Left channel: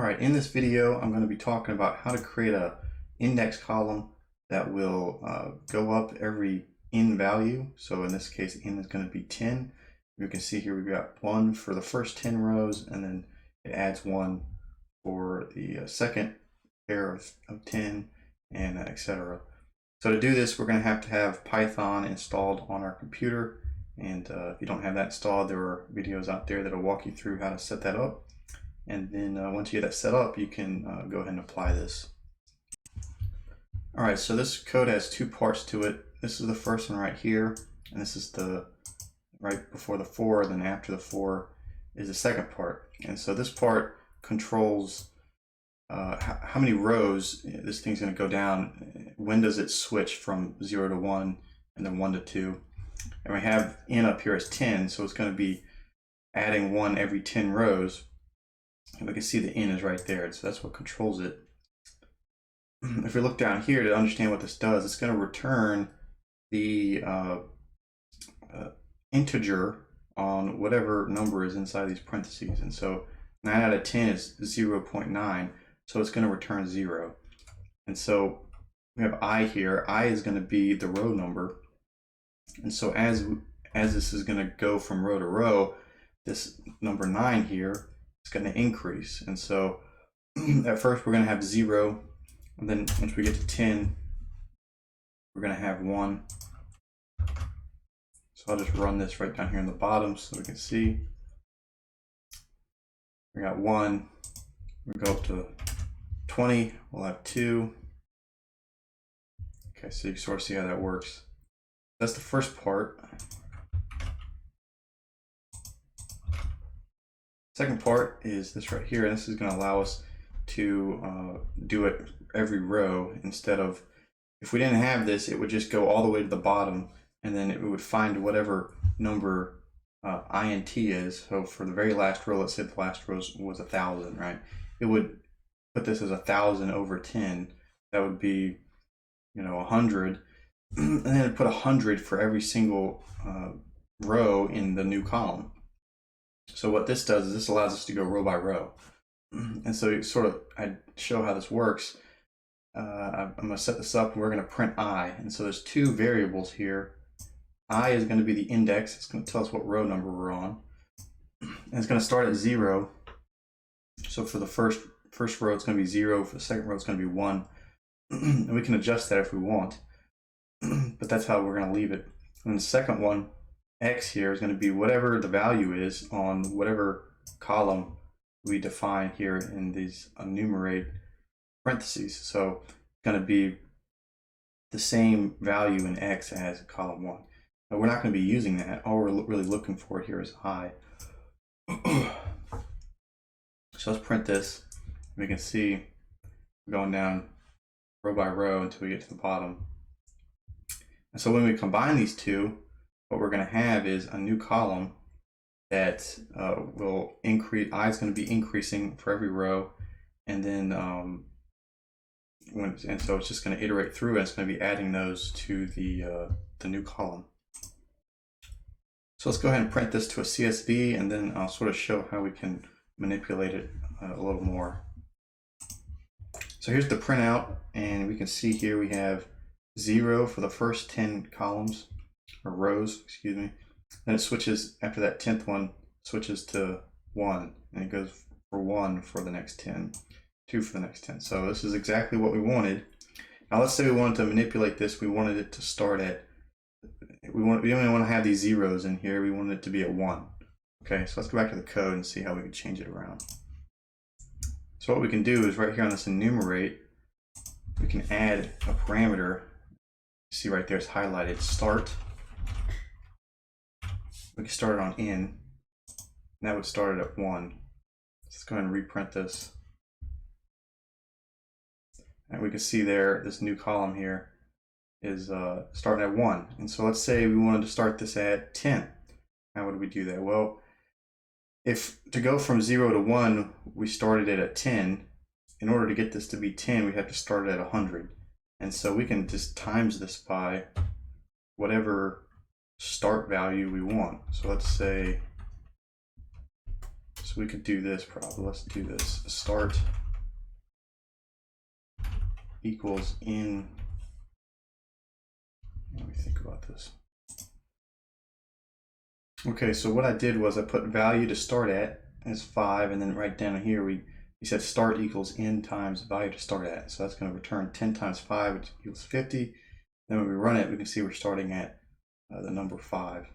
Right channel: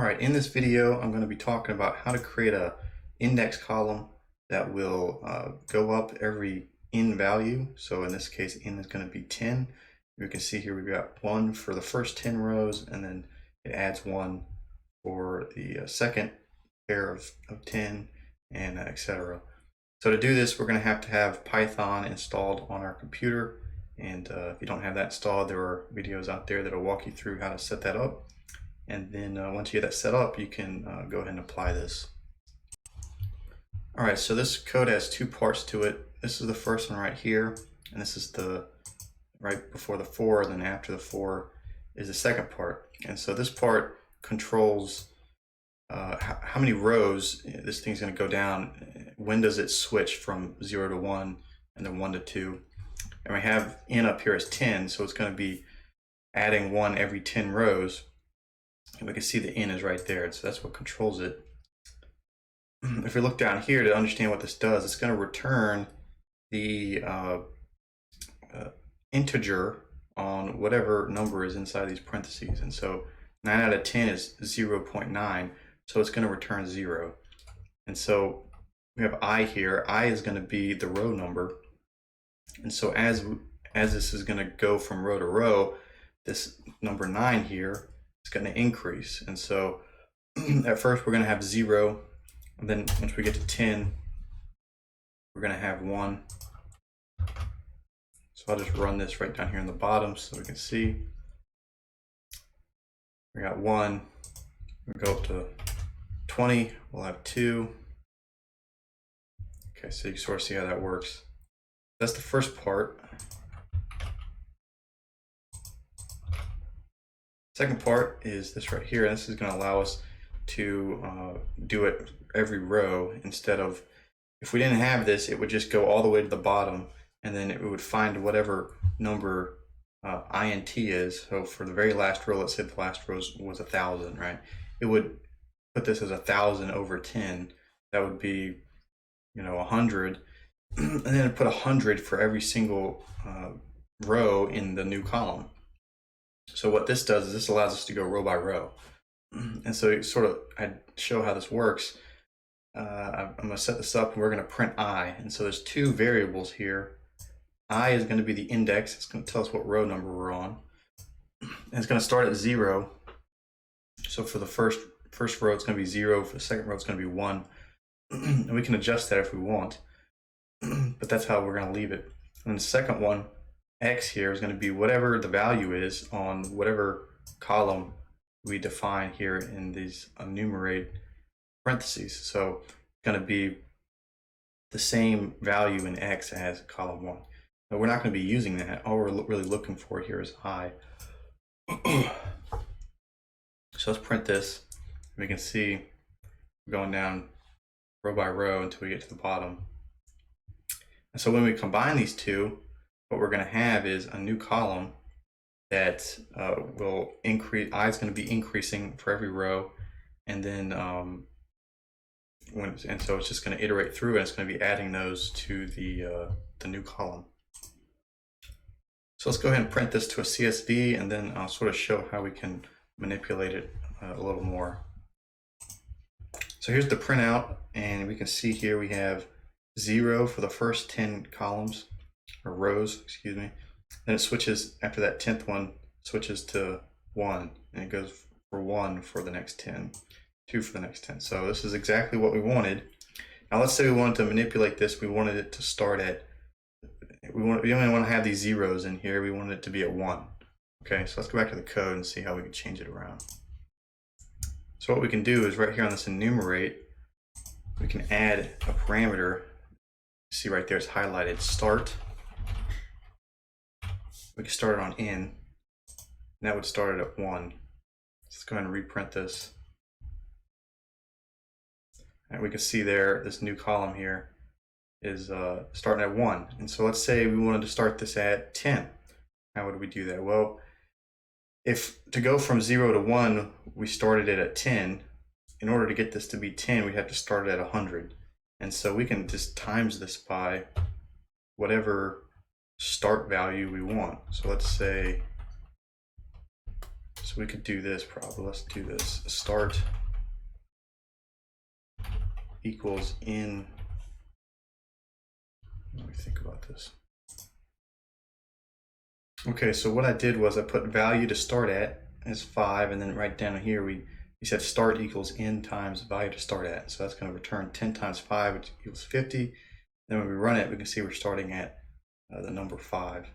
All right, in this video, I'm going to be talking about how to create a index column that will go up every in value. So in this case, in is going to be 10. You can see here we've got 1 for the first 10 rows, and then it adds 1 for the second pair of 10, and etc. So to do this, we're going to have Python installed on our computer. And if you don't have that installed, there are videos out there that will walk you through how to set that up. And then once you get that set up, you can go ahead and apply this. All right, so this code has two parts to it. This is the first one right here, and this is the right before the 4, then after the 4 is the second part. And so this part controls how many rows this thing's going to go down. When does it switch from 0 to 1 and then 1 to 2? And we have in up here as 10, so it's going to be adding 1 every 10 rows. And we can see the in is right there, so that's what controls it. If we look down here to understand what this does, it's going to return the integer on whatever number is inside these parentheses. And so 9 out of 10 is 0.9, so it's going to return 0. And so we have I here. I is going to be the row number. And so as this is going to go from row to row, this number 9 here is going to increase. And so at first we're going to have 0, and then once we get to 10, we're going to have 1. So I'll just run this right down here in the bottom so we can see. We got 1, we go up to 20, we'll have 2. Okay, so you can sort of see how that works. That's the first part. Second part is this right here. This is going to allow us to do it every row instead of, if we didn't have this, it would just go all the way to the bottom, and then it would find whatever number int is. So for the very last row, let's say the last row was 1,000, right? It would put this as 1,000 over 10. That would be, 100. And then it put 100 for every single row in the new column. So what this does is this allows us to go row by row. And so I show how this works. I'm going to set this up, and we're going to print I. And so there's two variables here. I is going to be the index. It's going to tell us what row number we're on. And it's going to start at 0. So for the first row, it's going to be 0. For the second row, it's going to be 1. And we can adjust that if we want. But that's how we're going to leave it. And the second one, X here, is going to be whatever the value is on whatever column we define here in these enumerate parentheses. So it's going to be the same value in X as column 1. But we're not going to be using that. All we're really looking for here is I. So let's print this. We can see going down row by row until we get to the bottom. And so when we combine these two, what we're going to have is a new column that will increase. I is going to be increasing for every row, and then so it's just going to iterate through, and it's going to be adding those to the new column. So let's go ahead and print this to a CSV, and then I'll sort of show how we can manipulate it a little more. So here's the printout, and we can see here we have 0 for the first 10 columns, or rows, excuse me. Then it switches, after that 10th one, switches to 1, and it goes for 1 for the next 10, 2 for the next 10. So this is exactly what we wanted. Now let's say we wanted to manipulate this. We wanted it to start at, we only want to have these zeros in here. We wanted it to be at 1. Okay, so let's go back to the code and see how we can change it around. So what we can do is right here on this enumerate, we can add a parameter. See right there, it's highlighted, start. We can start it on in, and that would start it at 1. Let's go ahead and reprint this. And we can see there, this new column here is starting at 1. And so let's say we wanted to start this at 10. How would we do that? Well, if to go from 0 to 1, we started it at 10. In order to get this to be 10, we have to start it at 100. And so we can just times this by whatever start value we want. So let's say So we could do this probably. Let's do this. Start equals in. Let me think about this. Okay, so what I did was I put value to start at as 5, and then right down here we said start equals n times value to start at. So that's going to return 10 times 5, which equals 50. Then when we run it, we can see we're starting at the number 5.